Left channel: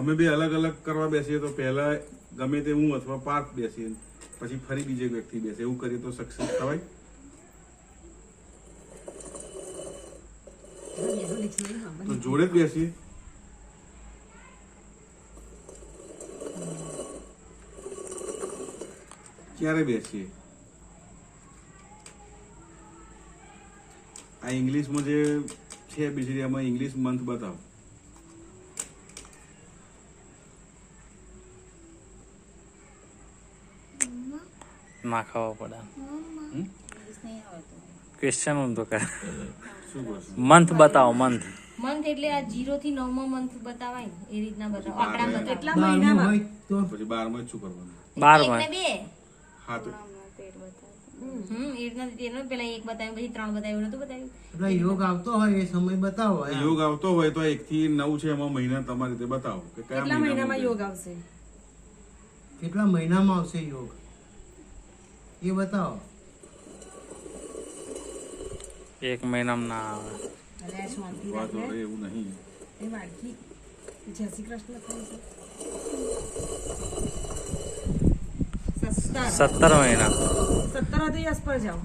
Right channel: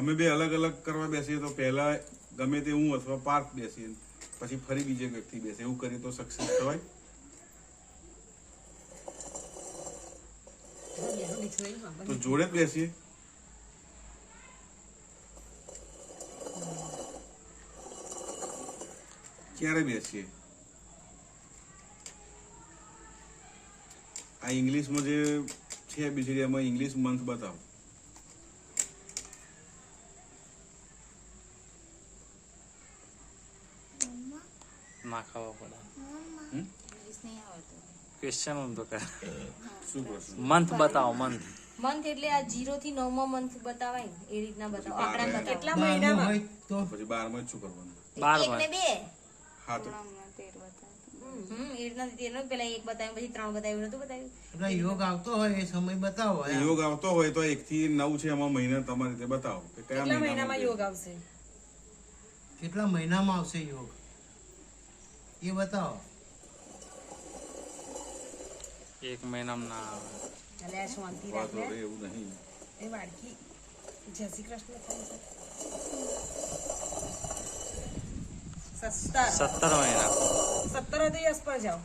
અમે બે અલગ અલગ કરવા બેસીએ તો પહેલા ગમે તે હું અથવા પાર્થ બેસીએ પછી ફરી બીજો વ્યક્તિ બેસે એવું કરીએ તો સક્સેસ થવાય. તો જોડે જ બેસીએ. ક્યારે બેસીએ? આ ઇંગ્લિશમાં જે છે બીજી એમાં ઇંગ્લિશ મંથ બતાવો. ના ખાવા પડે ક્વેશ્ચન તો કરે શું કરશું? મંથ બતાવો મંથ મંથ એટલે આ 0 થી 9 મો મંથ બતાવાય ને એ રીતના બતાવો આંકડા બતાવો કેટલા મહિનામાં પછી 12 શું કરવાનું? 12 એક ને બે હા તો એ રીતના તેનો પેલા એક બતાવ્યું પછી 3 બતાવ્યું નતું બતાવ્યું એટલે યોગ આવતો હોય એ સમય બતાવો એમ. યોગ આવતો હોય તો 1 થી 9 છે એમાં મહિના તમારી રીતે બતાવો કે કયા કેટલા મહિનામાં મહિનામાં યોગ આવશે? કેટલા મહિનામાં આવશે યોગ એ બતાવો. એક મહિનામાં ના આવે અલે શાંતિ વાત રાખ હોય ને એવું નહીં. એ વાડકી જય શ્રી કૃષ્ણ થાય છે 17 મહિના 17 દિવસ પર જાઓ